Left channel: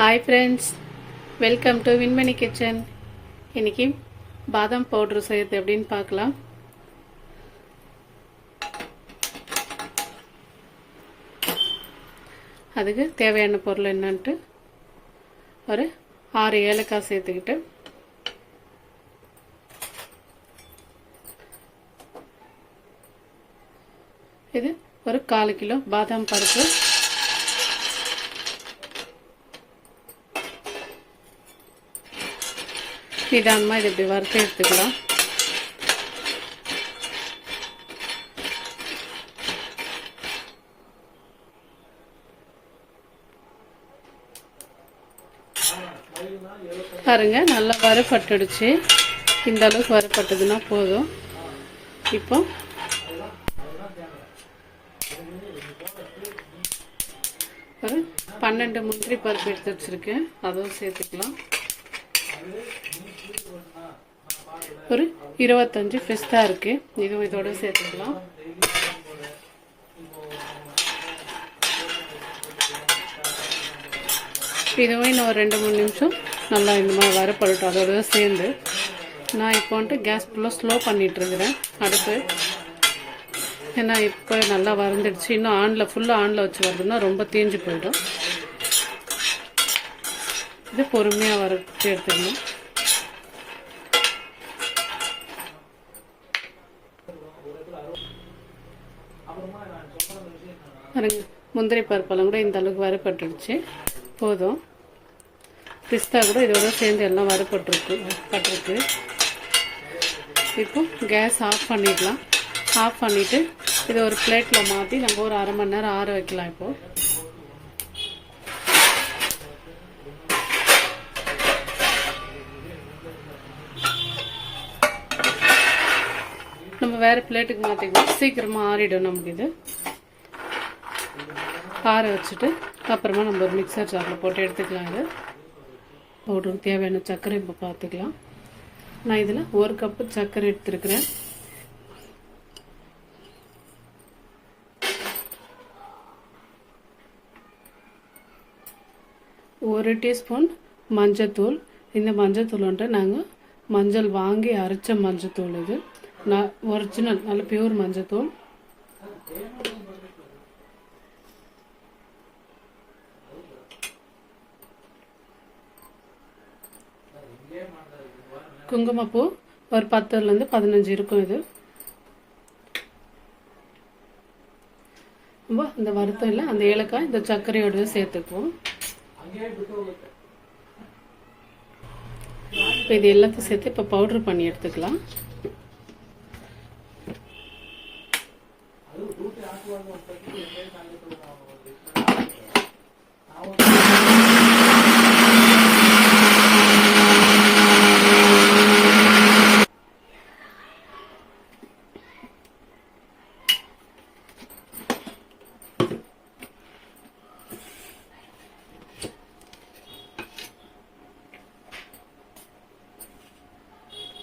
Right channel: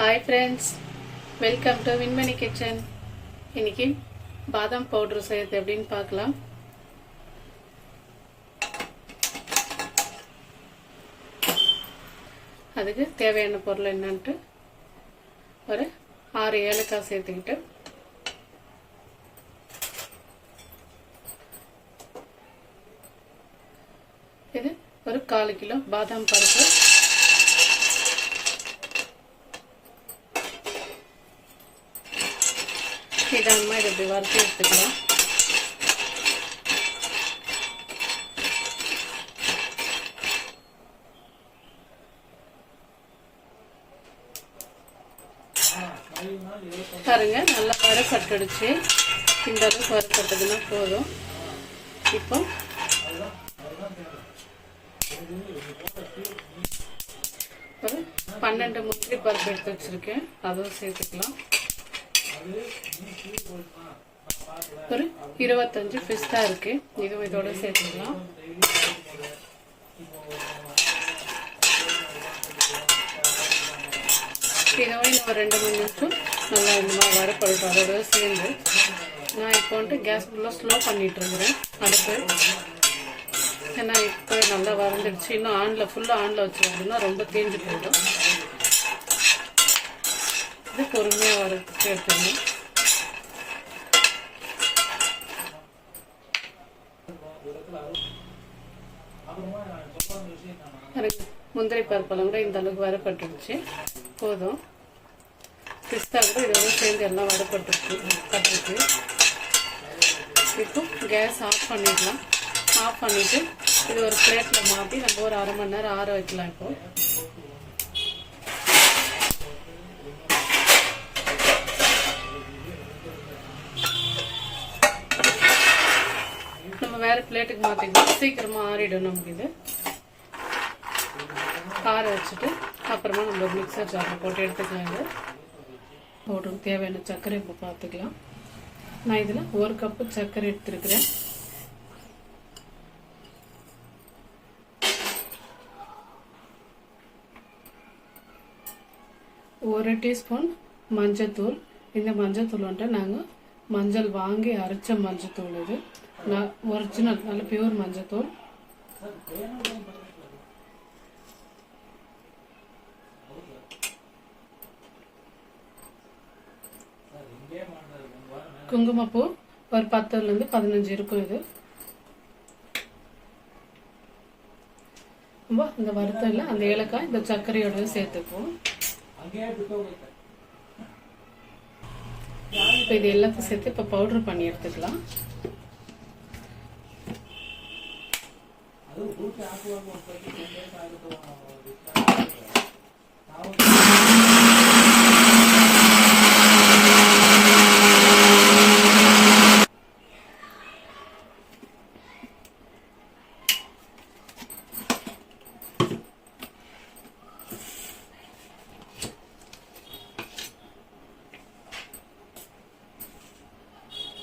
Hi friends, welcome to Vinmani kitchen. இன்னைக்கு பாதாம் powder செய்யறது எப்படின்னு பார்க்கலாம். அதுக்கு தேவையான பொருள் என்னன்ட்டு ஒரு 6 ஏலக்காய் சேர்த்துக்கிட்டு இது ஒரு 1/4 கிலோ பாதாம் பருப்பு, நிதானமா இது இப்படி வறுத்து எடுத்துக்கலாம். பாருங்க, நல்லா வறுபட்டுடுச்சு. இந்த அளவுக்கு வறுபட்டதுன்னா போதும். இப்போ ஒரு 12 முந்திரி பருப்பு எடுத்து வச்சிருக்கேன், அதுவும் சேர்த்துக்கலாம். ஒரு 25 பிஸ்தா இருக்கு, இதுவும் இதோட சேர்த்துக்கலாம். இதுவே நான் ஒரு 2-3 நிமிஷம் நல்லா இந்த மாதிரி வறுபடட்டும். அதோட சேர்ந்து நான் இப்போ வந்துட்டு கேஸ் ஃபுல்லாக ஸ்லோ பண்ணிட்டு இருக்கிறேன் அடுப்பு. ஏன்னா இப்போ நல்லா வறந்துடுச்சு. இன்னும் ஃபுல்லாக ஆனில் வச்சு வருதுன்னா ரொம்ப தேஞ்சு போயிடும். இது பொறுமையாக வறுத்து எடுத்துக்கணும். முந்திரி பருப்பெல்லாம் கூட இந்த அளவுக்கு வறுபட்டுருச்சு, போதும். பிஸ்தா கூட இதோட சேர்ந்து எல்லாம் வறுபட்டுருக்கு. இப்போ கேஸ் ஆஃப் பண்ணிடலாம். ஆஃப் பண்ணிட்டு இதை ஒரு பிளேட்ல மாற்றி நம்ம ஒரு 1/2 மணி நேரம் ஆற வைக்கலாம். இப்போ நம்ம வேற பிளேட்டுக்கு மாற்றிக்கலாம், சீக்கிரமா ஆறிடும். நமக்கு இது ஆற வச்சுட்டு அப்புறமா நம்ம மிக்சர் ஜாரில் போட்டு எடுத்துக்கலாம். இது பவுடருக்கு தேவையான சர்க்கரை இப்போ பார்த்துக்கலாம். நான் இதில் 1 கப்பு சர்க்கரை எடுத்துருக்கிறேன். ஒரு டீஸ்பூன் மஞ்சத்தூள். இந்த மஞ்சத்தூள் வந்துட்டு நாங்கள் மஞ்சள் வாங்கி அரைச்ச மஞ்சத்தூள். இது நான் ஒரிஜினல் நல்ல பியூர் மஞ்சத்தூள். குங்குமப்பூ ஒரு 10லேருந்து 15 இருக்கும். இது இந்த வறுத்தல அந்த ஏலக்காய் இந்த சர்க்கரையோட சேர்த்துக்குவோம். இது எல்லாத்தையும் சேர்த்து இப்போ பவுடர் பண்ணி எடுத்துக்கலாம்.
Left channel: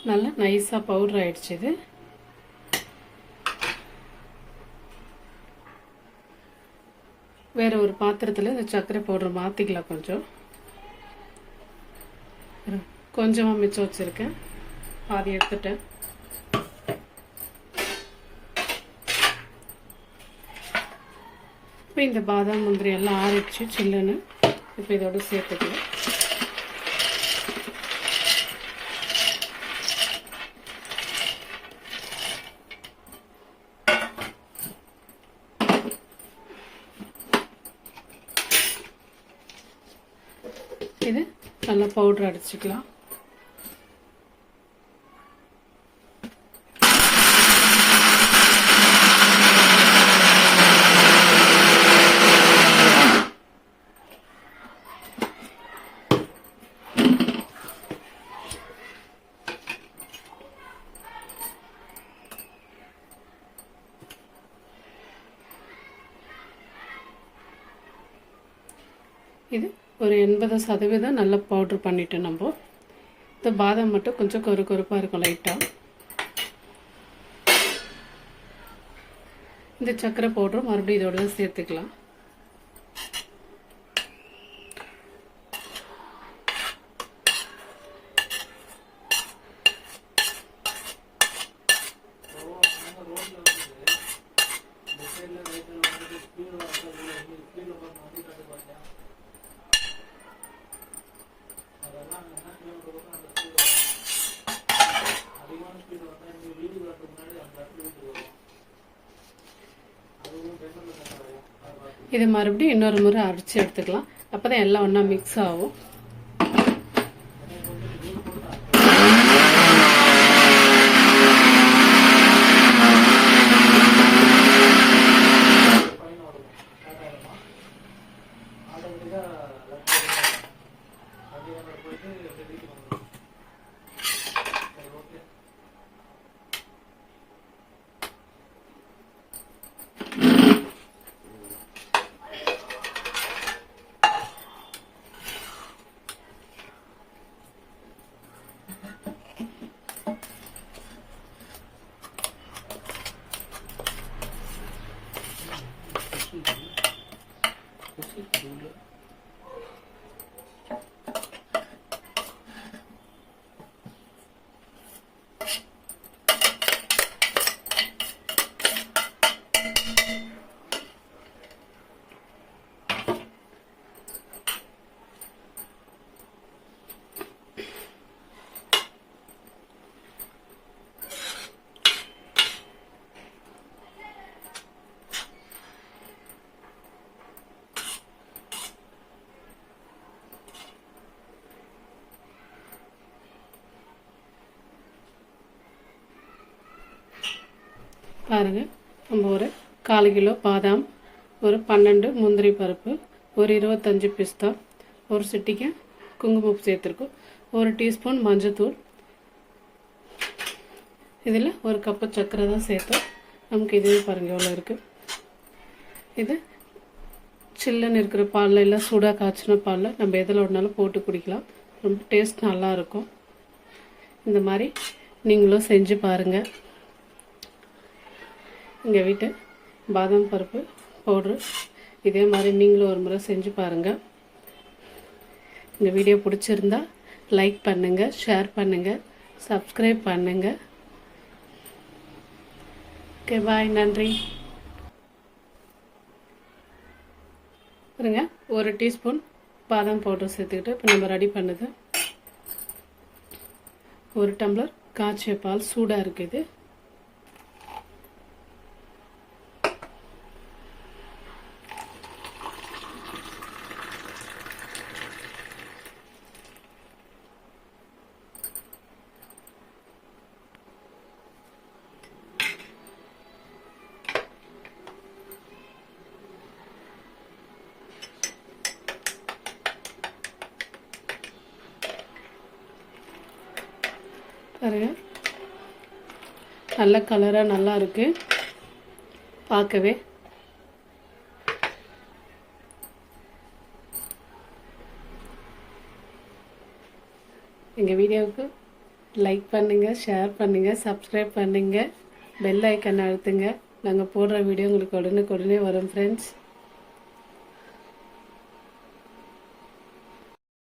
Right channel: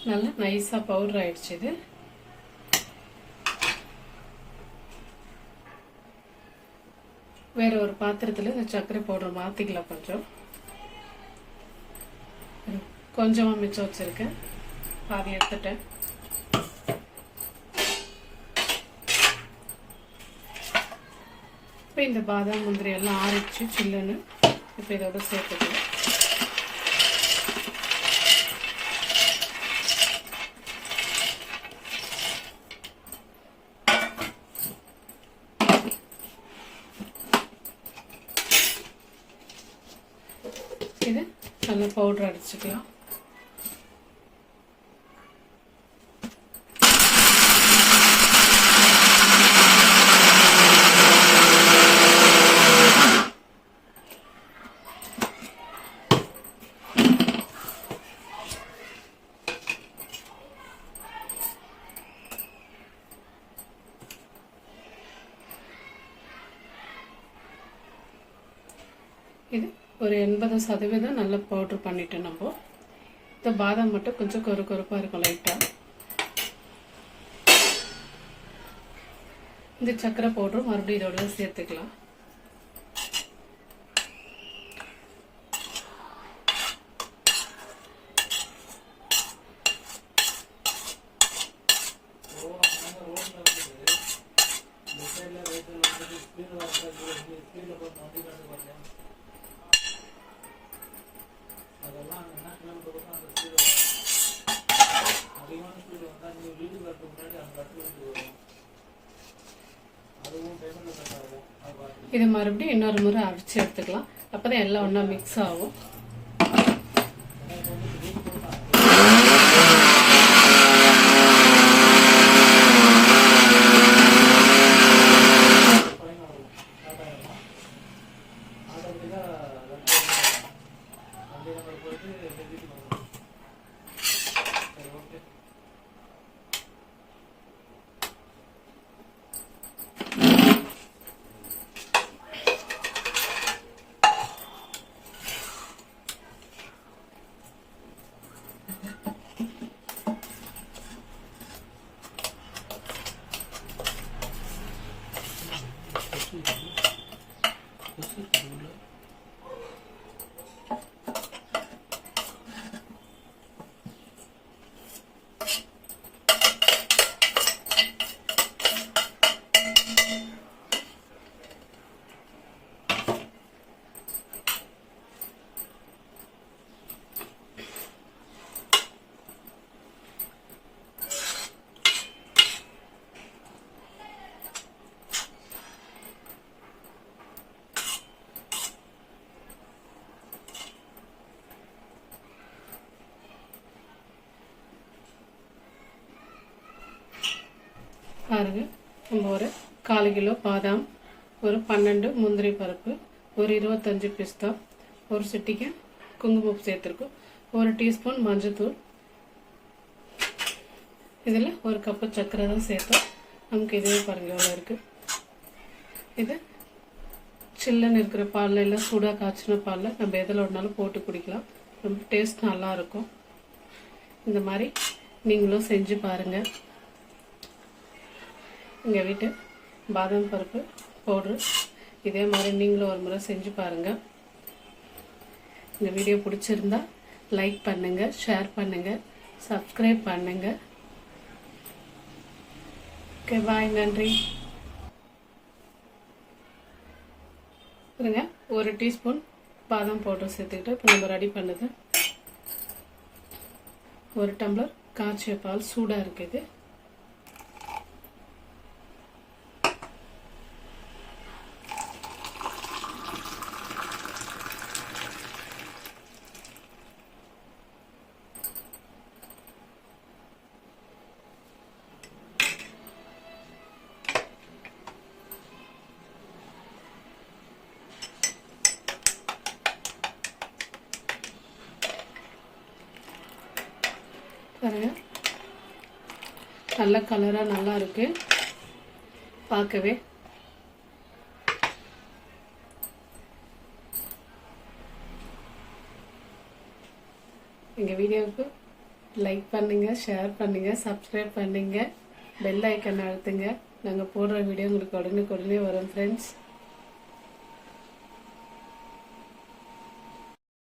நல்லா நைஸா பவுடர் ஆயிடுச்சு. இது வேற ஒரு பாத்திரத்துல இந்த சர்க்கரை பவுடர் மாத்திக்கலாம். கொஞ்சமா மிச்சம் வச்சிருக்கேன், பாதி எடுத்துட்டேன். இப்போ இந்த பாதாம் முந்திரி எல்லாம் ஆறிடுச்சு சில்லுன்னு. இப்போ இதோட சேர்த்துக்கலாம். இது நல்லா பவுடர் அடிச்சுக்கலாம். இது ஒரு 80% நல்ல பவுடர் பண்ணிட்டு நம்ம இந்த பாதாம் மட்டும் கொஞ்சம் கொறுப்பா இருக்கும் லைட்டா. இந்த சக்கரை பவுடர் மறுபடியும் இதோட சேர்த்துக்கலாம். இது மறுபடியும் இன்னொரு முறை அரைச்சி எடுத்துக்கலாம். அப்பதான் எல்லாம் ஒண்ணா மிக்ஸ் ஆகும். பாருங்க, நம்ம ஒரு 1/4 கிலோ பாதாம், ஒரு 12 முந்திரி பருப்பு, ஒரு 25 பிஸ்தா, ஒரு சிட்டிகை குங்குமம் சேர்த்துருக்கோம், ஒரு டீஸ்பூன் மஞ்சத்தூள், இதில் ஒரு கப்பு சர்க்கரை தான் சேர்த்தோம். நமக்கு இதே பாருங்க எவ்வளோ இருக்கு. இது சில்லுன்னு இருக்கிற பாலில் இல்லை சூடாக காய்ச்சின பாலில் நம்ம எதில் ஒன்றாலும் போட்டு குடிக்கலாம். ரொம்ப டேஸ்ட் நல்லா இருக்கும். இந்த மாதிரி நீங்களும் செஞ்சு பாருங்கள். எங்கள் வீட்டு பாதாம் பருப்பு பவுட்ரு இதே மாதிரி நீங்களும் ஒரு முறை செஞ்சு பாருங்கள். இந்த வீடியோ பிடிச்சிருந்தா லைக் பண்ணுங்கள், ஷேர் பண்ணுங்கள், சப்ஸ்கிரைப் பண்ணுங்கள். ஓகே, பாய், நன்றி. பாருங்க, ஒரு டீஸ்பூன் பாதாம் பவுடர் சேர்த்துக்கிட்டு இப்போ நம்ம ரெடி பண்ணுது. ஒரு டம்ளர் காய்ச்சிய பால் சூடாக இருக்குது. பாருங்க, நல்ல கலரா நல்லா இருக்கு பார்க்கவே. எங்க வீடியோவுக்கு லைக் பண்ணுங்க, ஷேர் பண்ணுங்க, சப்ஸ்கிரைப் பண்ணுங்க, பெல் ஐக்கன் அழுத்துங்க. நாங்கள் போடுற வீடியோ உங்களுக்கு உடனே வரும் ஃப்ரெண்ட்ஸ்.